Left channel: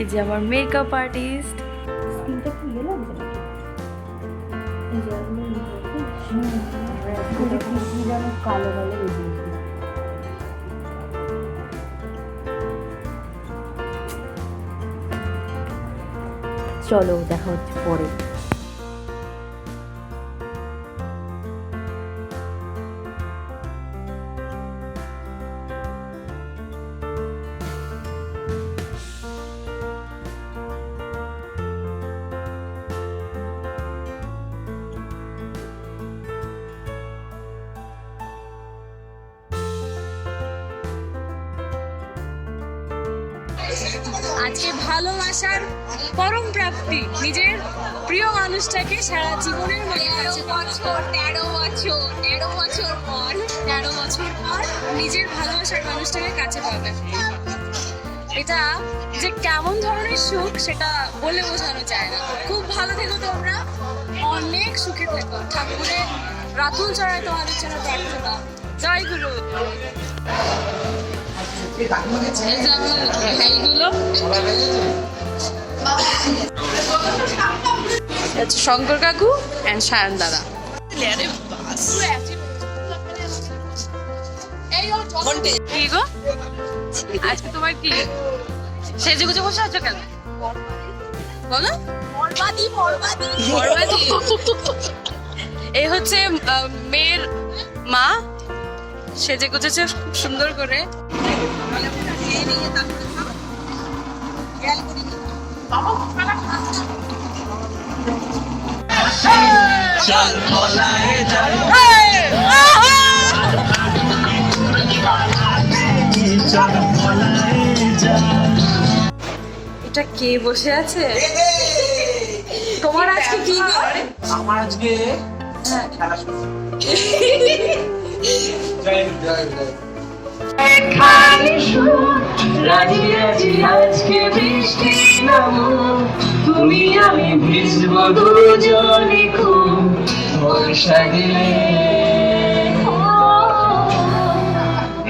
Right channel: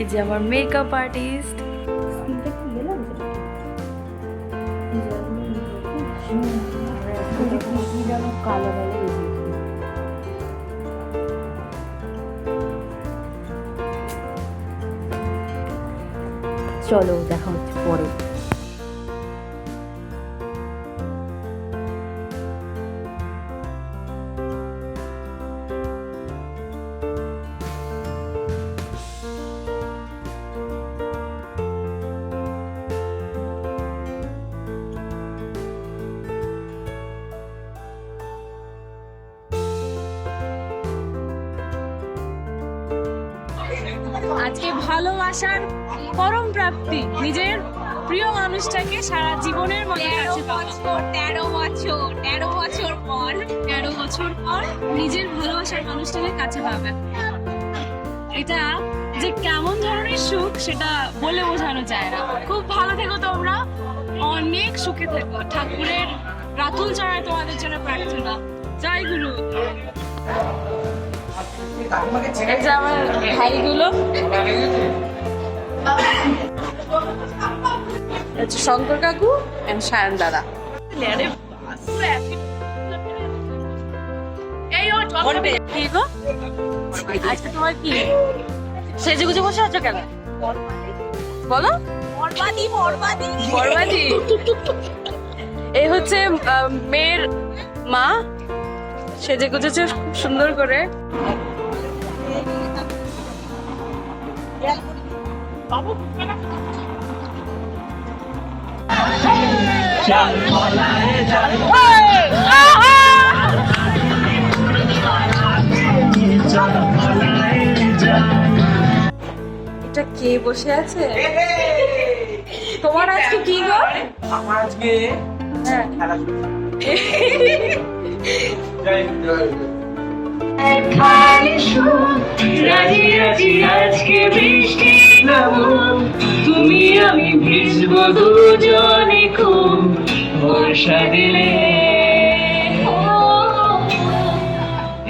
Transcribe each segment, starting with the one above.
এই যে আমার মেকআপ আর্টিস্ট। স্কিনটা কি ইয়ে লাগছে নাকি? এই যে কি যেন কালো কালো বেরিয়েছে। চলো দেখা হচ্ছে পরে। আজকে ভালোবাসার পরম প্রাপ্তি, নিজের প্রিয় মানুষটাকে সারা জীবনের মতো কাছে পাওয়া। 13 বছর পর নিজের ভালোবাসার মানুষটাকে কাছে পাবে। এটা যে কেমন ধরনের সুখ সেটা বলে বোঝানো যায় না। খুব ভালো থেকো তোমরা, অনেক সুখে থেকো। ঠাকুরের রাতুল চড়ায় তোমাদের জন্য প্রার্থনা। জয় গুরু। এই যে আমার ভাইগুলো, শঙ্কর কাকু এন্ড সায়ন দাদা। কি গো আজকে তোমার কি সেজে গুজে বসে আছো কেন বলো? বরবাদি। এই হচ্ছে মেয়ের মা, সেজে গুজেছে খুব সুন্দর করে। এটা কে বসে আছে? তোমার আজকে কি গো? আমার আজকে হ্যাঁ খেলা শুরু। আজকে বৃষ্টি তুমি আমি ভিজবো দুজনে খুব বর্ষা দিলে।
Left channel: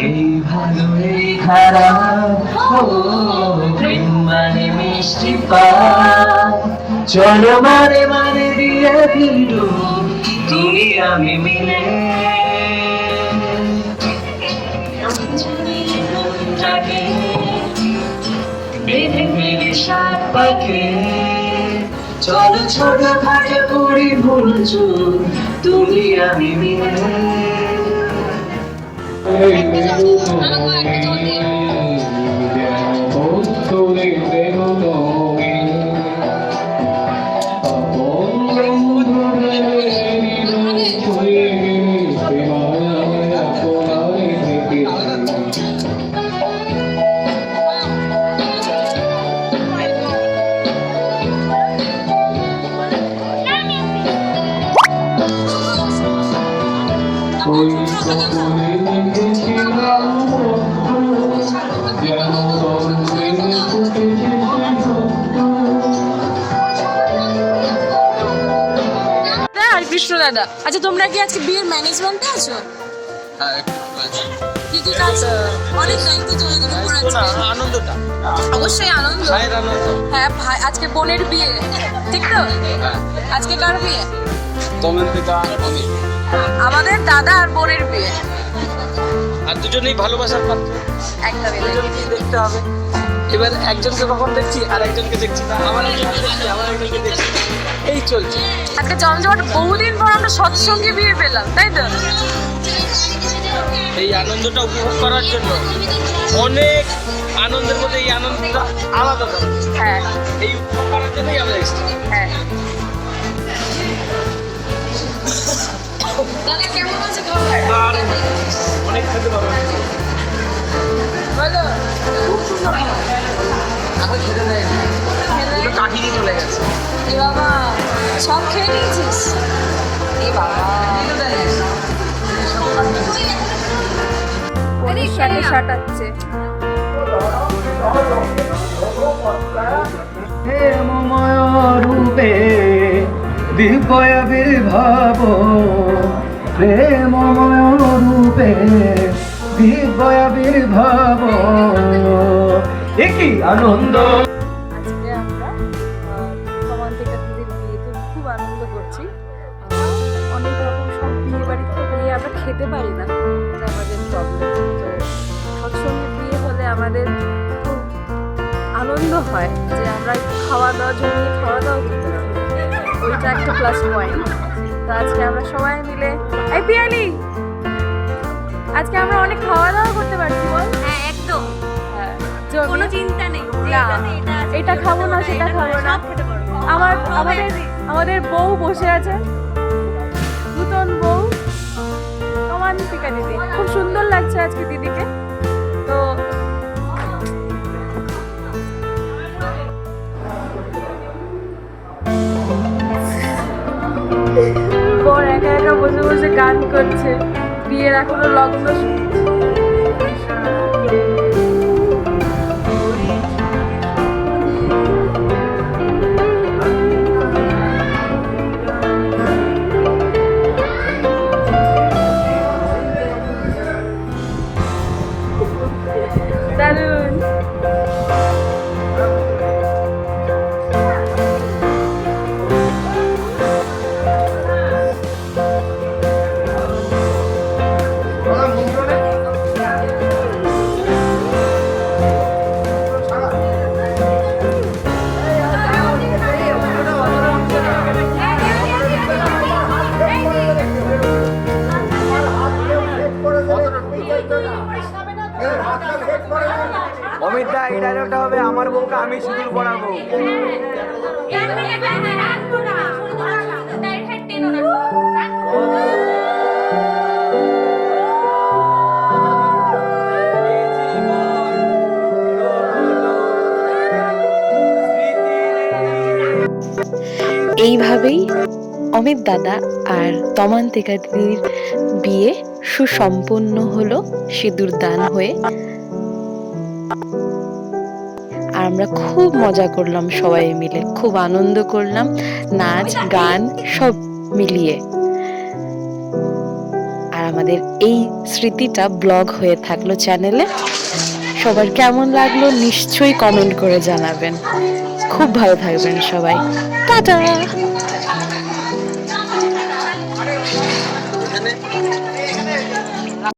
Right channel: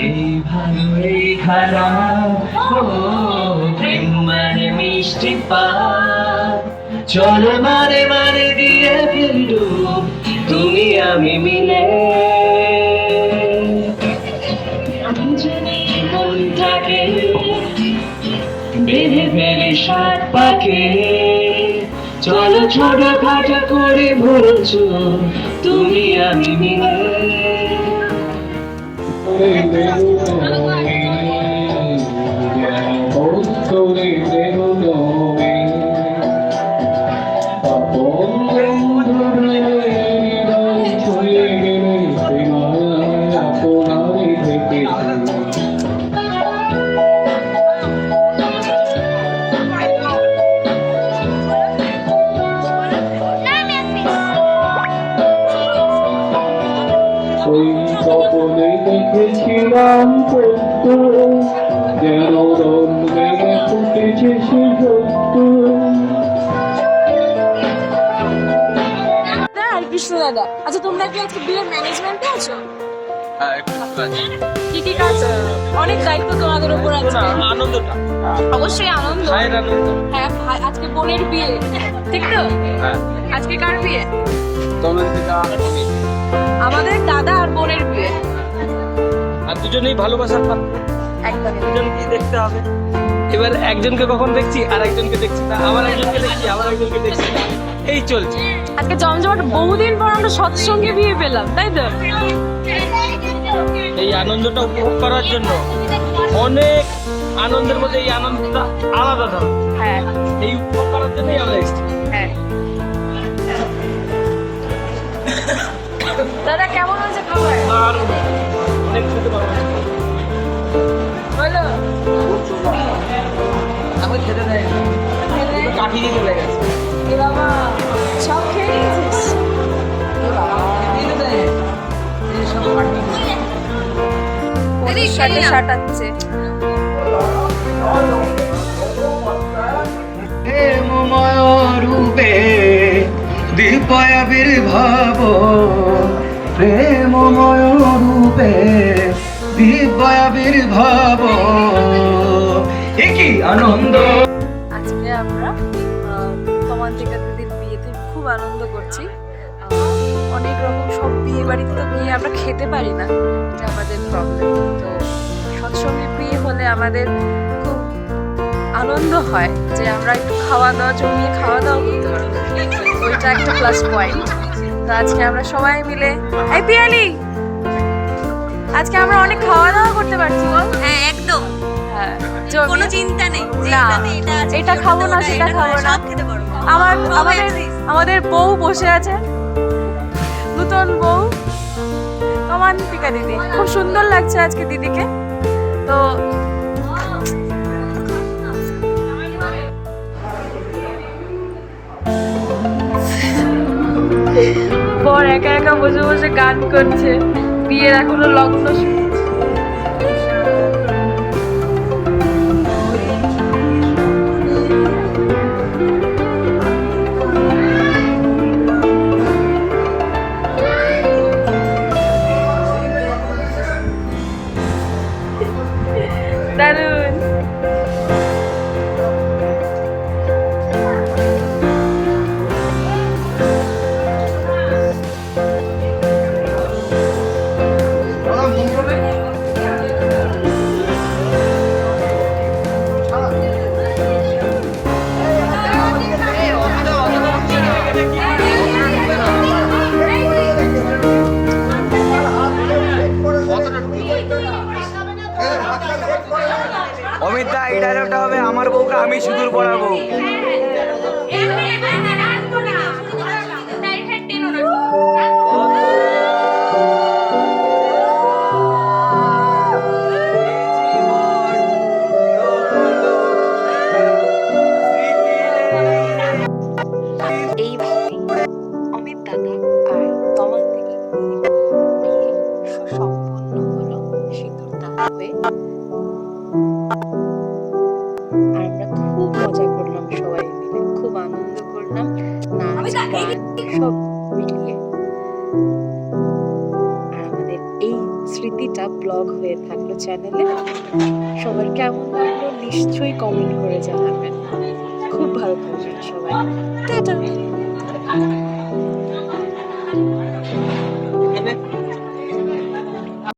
এই ভালো এই খারাপ প্রেম মানে মিষ্টি পাপ, চলো মানে মানে দিয়ে ফেলু তুমি আমি মিলে। বেঁধে ফেলি সাত পাকে, চলো ছোট খাটো করে বলছ তুমি আমি মিলে। ওই স্বপ্নে দেখেছিলাম যেন রঙে ফুটেছে আর কৃষ্ণ দাদা। আচ্ছা তোমরা কি আজকে বিয়ের ম্যানেজমেন্টে আছো? হ্যাঁ একটু আছে। কি কি কাজ? অনেক দায়িত্ব তোমাদের উপর আছে। আনন্দটা অবশ্যই আনন্দ। ভাইয়ের আনন্দ। হ্যাঁ ভাই, আজকে বোনের বিয়ে, ঠিক তো? হ্যাঁ আজকে কার বিয়ে? তমেন্দ্রিকা অমিত। আমাদের দাদা আর বোনের বিয়ে। আর দুজনেই ভালোবাসার পাত্র, একদমই তাই। দুজনকেই দেখতে হবে। এবার একজনকে কখন দেখছি আর একজনকে দেখছি না, আবার একজনকে দেখছি আবার একজনকে দেখছি না, এই চলছে। আজকে জমজমাট, বহুদিন পর আমরা সৎসঙ্গে বিয়ে পেলাম, তাই তো? এই আনন্দটা উপভোগ করার জন্য অনেক আনন্দের মধ্যে এই আনন্দটা আলাদা ধরনের। হ্যাঁ এই উপভোগ করার জন্যই আমরা এসেছি। হ্যাঁ। দাদা কেমন আছে খাবার? দারুণ, অনেক খেতে পারবো। বলো। খুব সুন্দর। আমি খেতে দেয়নি, খেলে? কাঠি দিয়ে চলে গেছে। এ বাবা, সব খেয়ে নিয়েছিস? এ বাবা, খেতে দেয়নি, এই সব কাঠি দিয়ে। পনির শার্টে শাটাচ্ছে। রূপে দিব্যাবির্ভাব, প্রেমময় রূপে দিব্যাবির্ভাব, একই আনন্দ। আজ তমান্তিকা দিদির বিয়েতে খুব আনন্দ করছি। অনেক রকম সব বিয়ে বাড়িতে তো গিয়ে আমরা খেতে পারি না, এটা আমাদের প্রবলেম। তো সৎসঙ্গের বিয়ে হলে আমাদের খুব আনন্দ হয় যে আমরা একটু খাওয়া দাওয়া জমিয়ে খাওয়া দাওয়া করতে পারবো, ওইটা একটা প্লাস পয়েন্ট। তো আজকে আমরা সবাই মিলে, এই পিয়ালি, আজকে আমরা অনেক খাওয়া দাওয়া করতে পারছি বল। হ্যাঁ একদম, হ্যাঁ কোনো চিন্তা নেই যে না, এটাতে এটা আছে, এটা ওটাতে খাবো না, ওটা, সেটা এটা খাবো না। সব খেতে পারবো। আমাদের বউ বসে আছে, নূতন বউ তমান্তিকা দিদি, খুব সুন্দর লাগছে আজকে দিদিকে। তো বর একা একা বসে বসে গান করছে, বিয়ের এখনো লগ্ন দারুণ। অমিত দা, এই ডায়লগটা হবে, আমার বউকে আমি সিঁদুর পরাবো। এইভাবেই অমিত দাদা আর তমান্তিকা দিদির বিয়ে সুসম্পন্ন হলো সিঁদুর দান হয়ে। আর আমরা খুব মজা করলাম সবাই মিলে, খুব আনন্দ করলাম, নাচ গান সব মিলিয়ে। আর আমাদের এই স্মৃতিটা ব্লগ হয়ে থাকলো চ্যানেলে। সবার কেমন লাগলো নিশ্চয়ই কমেন্ট করে জানাবেন। খুব ভালো থাকবেন সবাই, টাটা।